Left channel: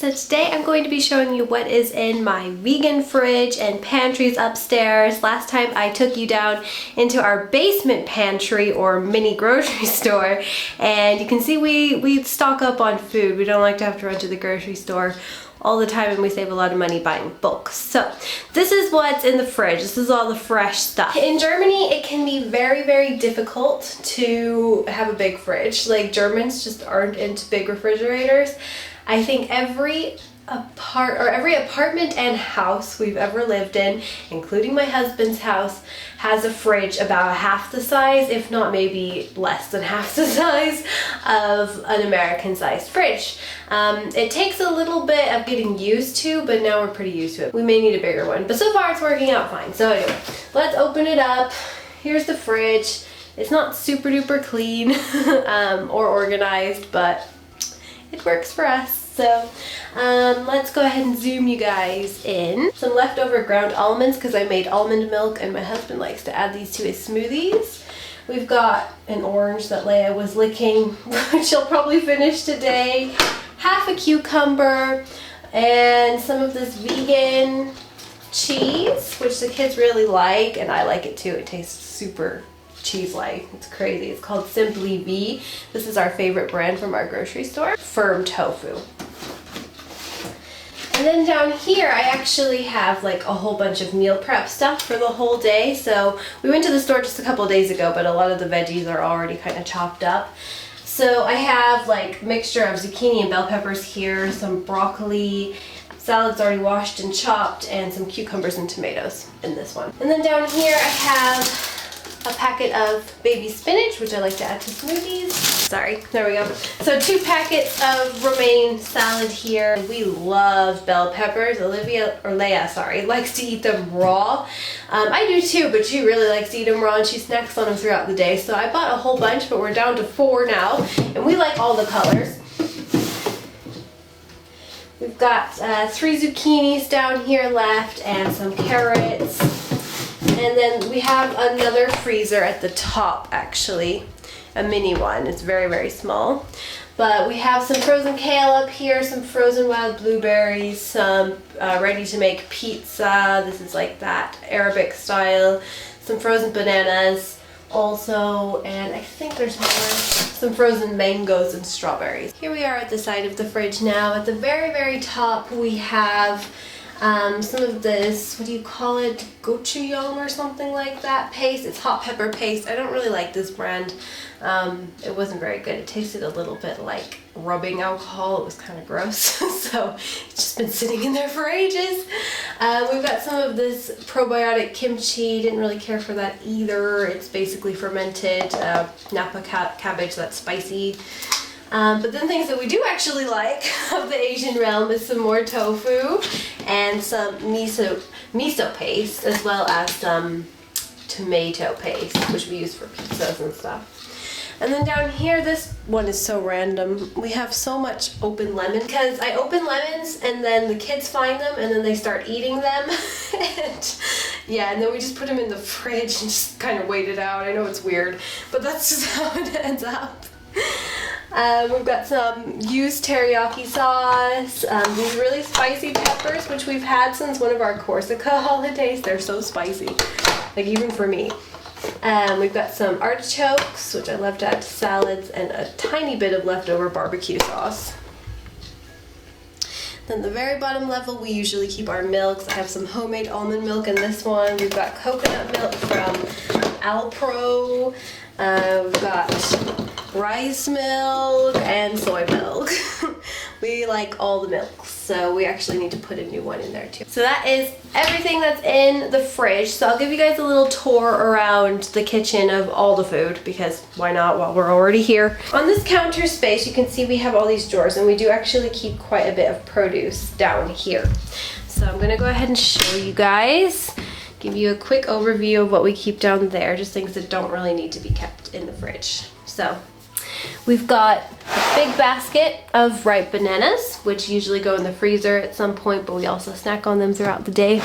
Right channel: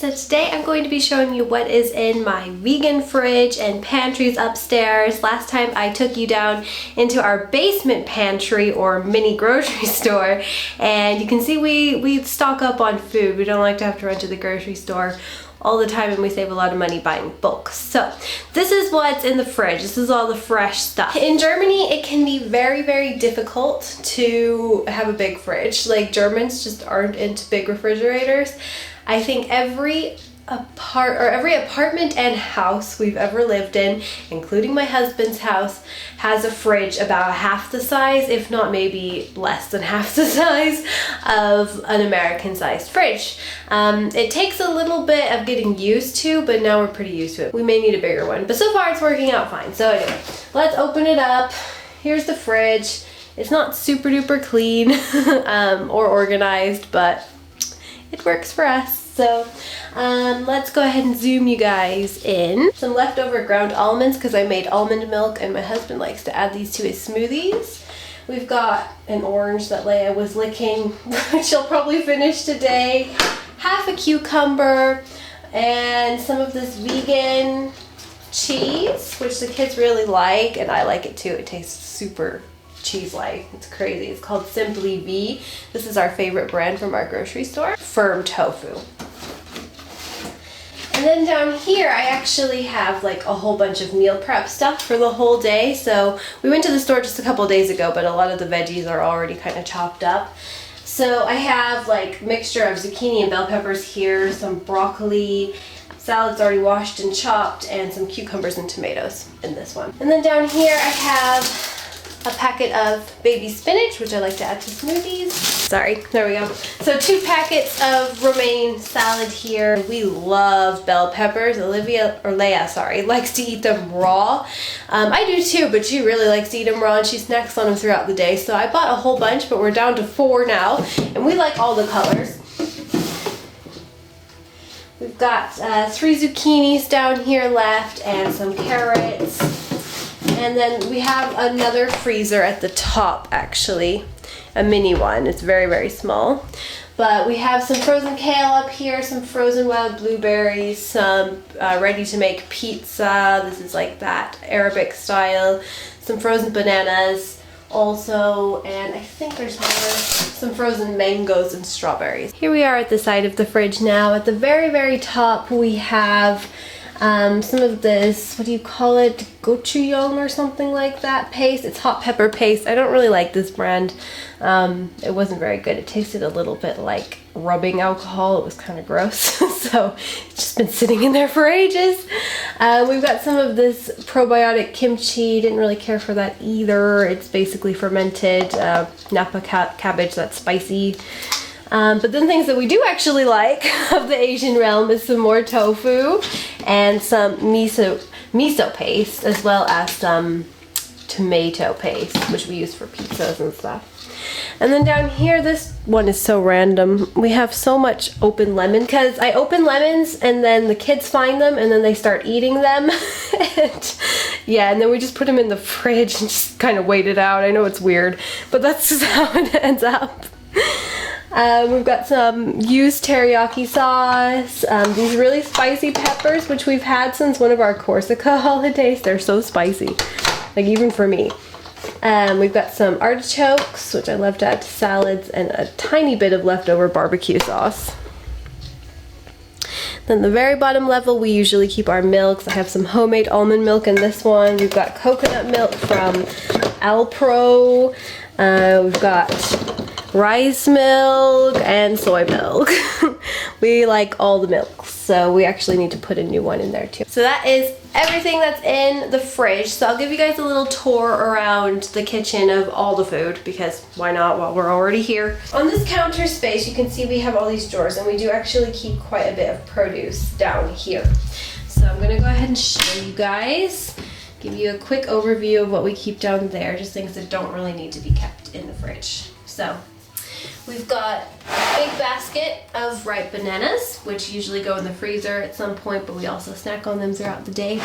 so today I'm going to be showing you what is in my vegan fridge and pantries upstairs. Last time I took you down into our basement pantry or mini grocery store, and you can see we stock up on food. We don't like to have to run to the grocery store all the time, and we save a lot of money buying bulk. So this is what's in the fridge. This is all the fresh stuff. In Germany, it can be very, very difficult to have a big fridge. Like, Germans just aren't into big refrigerators. I think every apartment and house we've ever lived in, including my husband's house, has a fridge about half the size, if not maybe less than half the size of an American sized fridge. It takes a little bit of getting used to, but now we're pretty used to it. We may need a bigger one, but so far it's working out fine. So anyway, let's open it up. Here's the fridge. It's not super duper clean or organized, but it works for us. So let's go ahead and zoom you guys in. Some leftover ground almonds because I made almond milk and my husband likes to add these to his smoothies. We've got an orange that Leia was licking, which she'll probably finish today. Half a cucumber and some of this vegan cheese, which the kids really like, and I like it too. It tastes super cheese-like. It's crazy. It's called Simply V. This is our favorite brand from our grocery store. Firm tofu. And then down here I actually have like a whole bunch of meal prep stuff for the whole day. So we went to the store just a couple of days ago, but a lot of the veggies are already kind of chopped up. So I have like mixture of zucchini and bell peppers here, some broccoli, salad's already washed and chopped, and some cucumbers and tomatoes in this one. And then down here I have a packet of baby spinach, which I like to add to smoothies. Sorry, there we go. So 2 packets of romaine salad here. We love bell peppers. Leia, sorry, likes to eat them raw. I do too, but she really likes to eat them raw and she snacks on them throughout the day. So I bought a whole bunch, but we're down to 4 now, and we like all the colors. We've got 3 zucchinis down here left and some carrots. And then we have another freezer at the top, actually, a mini one. It's very, very small. But we have some frozen kale up here, some frozen wild blueberries, some ready to make pizza. This is like that Arabic style. Some frozen bananas also, and I think there's more. Some frozen mangoes and strawberries. Here we are at the side of the fridge now. At the very, very top we have some of this, what do you call it, gochujang or something like that paste. It's hot pepper paste. I don't really like this brand. It wasn't very good. It tasted a little bit like rubbing alcohol. It was kind of gross. So it's just been sitting in there for ages. We've got some of this probiotic kimchi. Didn't really care for that either. It's basically fermented Napa cabbage that's spicy. But then things that we do actually like of the Asian realm is some more tofu and some miso paste, as well as some tomato paste, which we use for pizzas and stuff. And then down here, this one is so random. We have so much open lemon because I open lemons and then the kids find them and then they start eating them. And yeah, and then we just put them in the fridge and just kind of wait it out. I know it's weird, but that's just how it ends up. We've got some used teriyaki sauce, these really spicy peppers, which we've had since one of our Corsica holidays. They're so spicy, like even for me. We've got some artichokes, which I love to add to salads, and a tiny bit of leftover barbecue sauce. Then the very bottom level, we usually keep our milks. I have some homemade almond milk in this one. We've got coconut milk from Alpro. We've got rice milk and soy milk. We like all the milks, so we actually need to put a new one in there too. So that is everything that's in the fridge. So I'll give you guys a little tour around the kitchen of all the food, because why not while we're already here. On this counter space, you can see we have all these drawers, and we do actually keep quite a bit of produce down here. So I'm gonna go ahead and show you guys, give you a quick overview of what we keep down there, just things that don't really need to be kept in the fridge. So we've got a big basket of ripe bananas, which usually go in the freezer at some point, but we also snack on them throughout the day.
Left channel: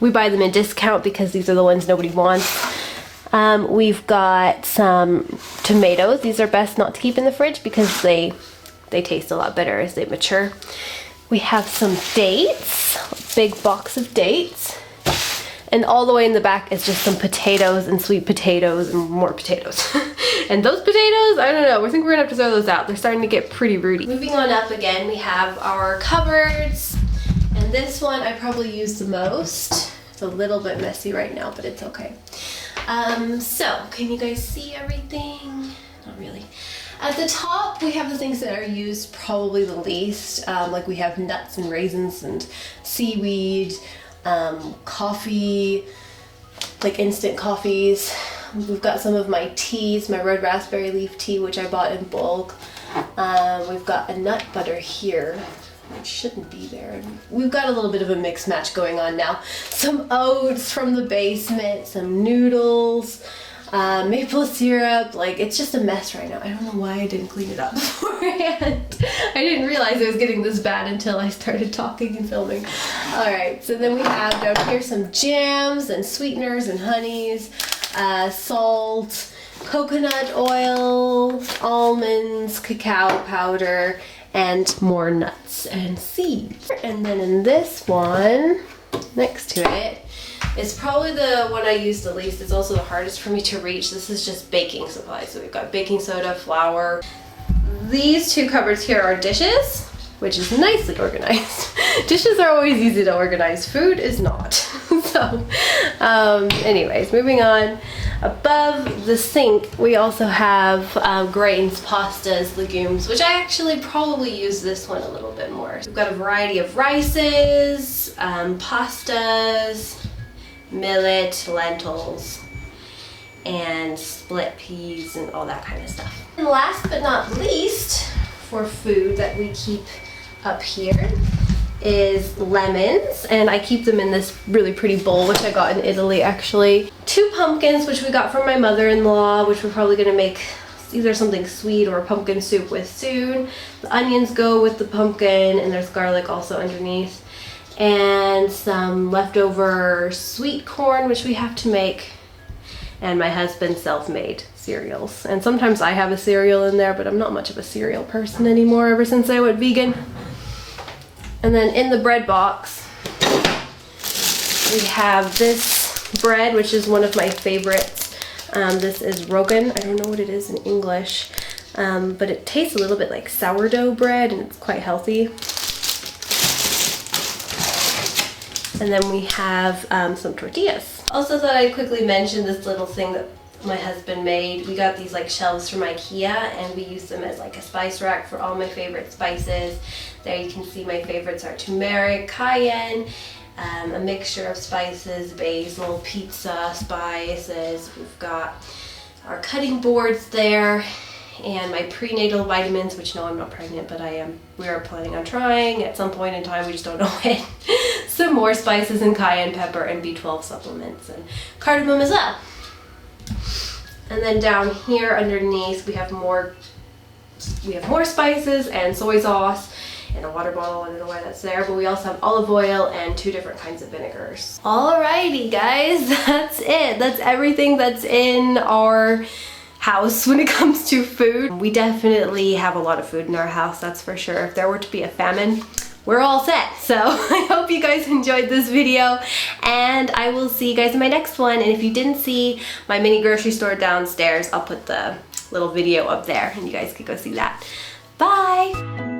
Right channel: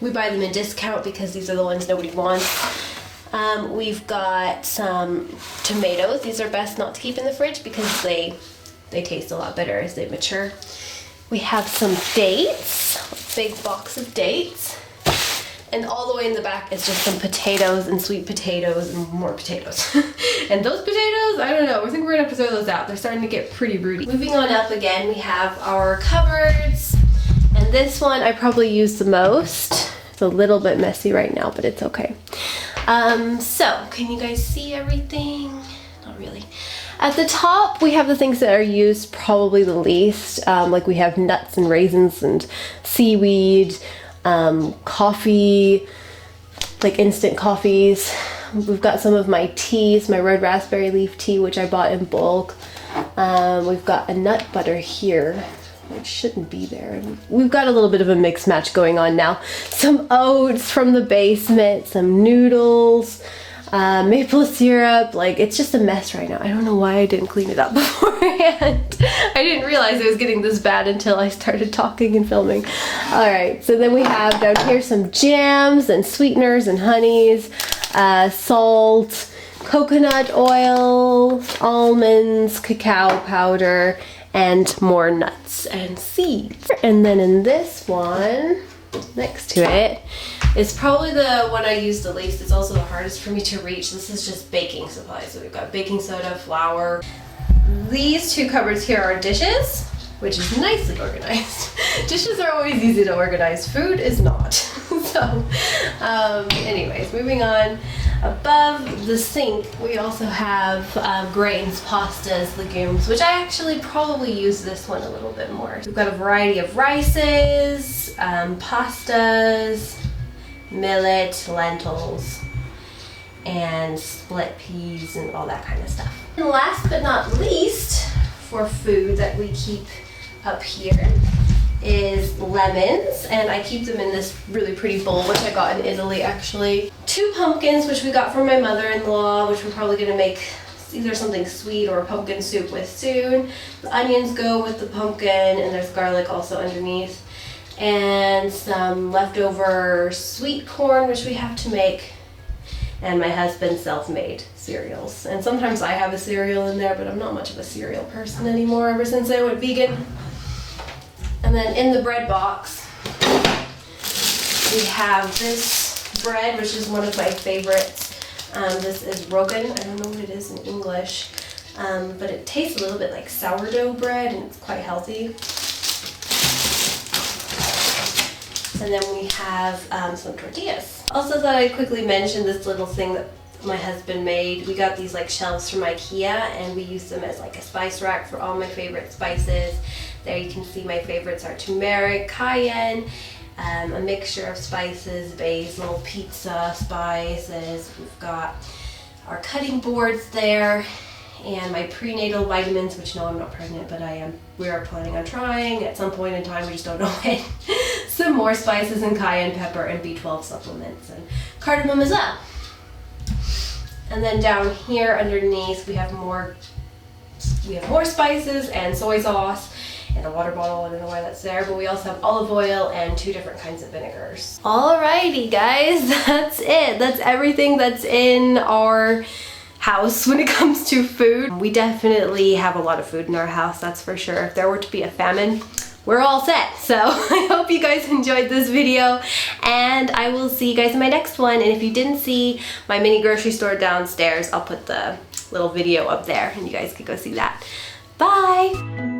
We buy them in discount because these are the ones nobody wants. We've got some tomatoes. These are best not to keep in the fridge because they taste a lot better as they mature. We have some dates, a big box of dates. And all the way in the back is just some potatoes and sweet potatoes and more potatoes. And those potatoes, I don't know, I think we're gonna have to throw those out. They're starting to get pretty rooty. Moving on up again, we have our cupboards. And this one I probably use the most. It's a little bit messy right now, but it's okay. So, can you guys see everything? Not really. At the top, we have the things that are used probably the least. Like we have nuts and raisins and seaweed, coffee, like instant coffees. We've got some of my teas, my red raspberry leaf tea, which I bought in bulk. We've got a nut butter here, which shouldn't be there. We've got a little bit of a mix match going on now. Some oats from the basement, some noodles, maple syrup. Like, it's just a mess right now. I don't know why I didn't clean it up beforehand. I didn't realize it was getting this bad until I started talking and filming. All right, so then we have down here some jams and sweeteners and honeys, salt, coconut oil, almonds, cacao powder, and more nuts and seeds. And then in this one, next to it, is probably the one I use the least. It's also the hardest for me to reach. This is just baking supplies. So we've got baking soda, flour. These two cupboards here are dishes, which is nicely organized. Dishes are always easy to organize. Food is not. So, anyways, moving on. Above the sink, we also have grains, pastas, legumes, which I actually probably use this one a little bit more. We've got a variety of rices, pastas, millet, lentils, and split peas and all that kind of stuff. And last but not least, for food that we keep up here is lemons, and I keep them in this really pretty bowl, which I got in Italy actually. 2 pumpkins, which we got from my mother-in-law, which we're probably gonna make either something sweet or a pumpkin soup with soon. The onions go with the pumpkin, and there's garlic also underneath. And some leftover sweet corn, which we have to make, and my husband's self-made cereals. And sometimes I have a cereal in there, but I'm not much of a cereal person anymore ever since I went vegan. And then in the bread box, we have this bread, which is one of my favorites. This is Rogan. I don't know what it is in English, but it tastes a little bit like sourdough bread, and it's quite healthy. And then we have some tortillas. Also thought I'd quickly mention this little thing that my husband made. We got these like shelves from IKEA, and we use them as like a spice rack for all my favorite spices. There you can see my favorites are turmeric, cayenne, a mixture of spices, basil, pizza spices. We've got our cutting boards there, and my prenatal vitamins, which no, I'm not pregnant, but I am. We are planning on trying at some point in time, we just don't know when. Some more spices and cayenne pepper and B12 supplements and cardamom as well. And then down here underneath we have more spices and soy sauce and a water bottle. I don't know why that's there, but we also have olive oil and 2 different kinds of vinegars. Alrighty guys, that's it. That's everything that's in our house when it comes to food. We definitely have a lot of food in our house, that's for sure. If there were to be a famine, we're all set. So I hope you guys enjoyed this video, and I will see you guys in my next one. And if you didn't see my mini grocery store downstairs, I'll put the little video up there and you guys can go see that. Bye!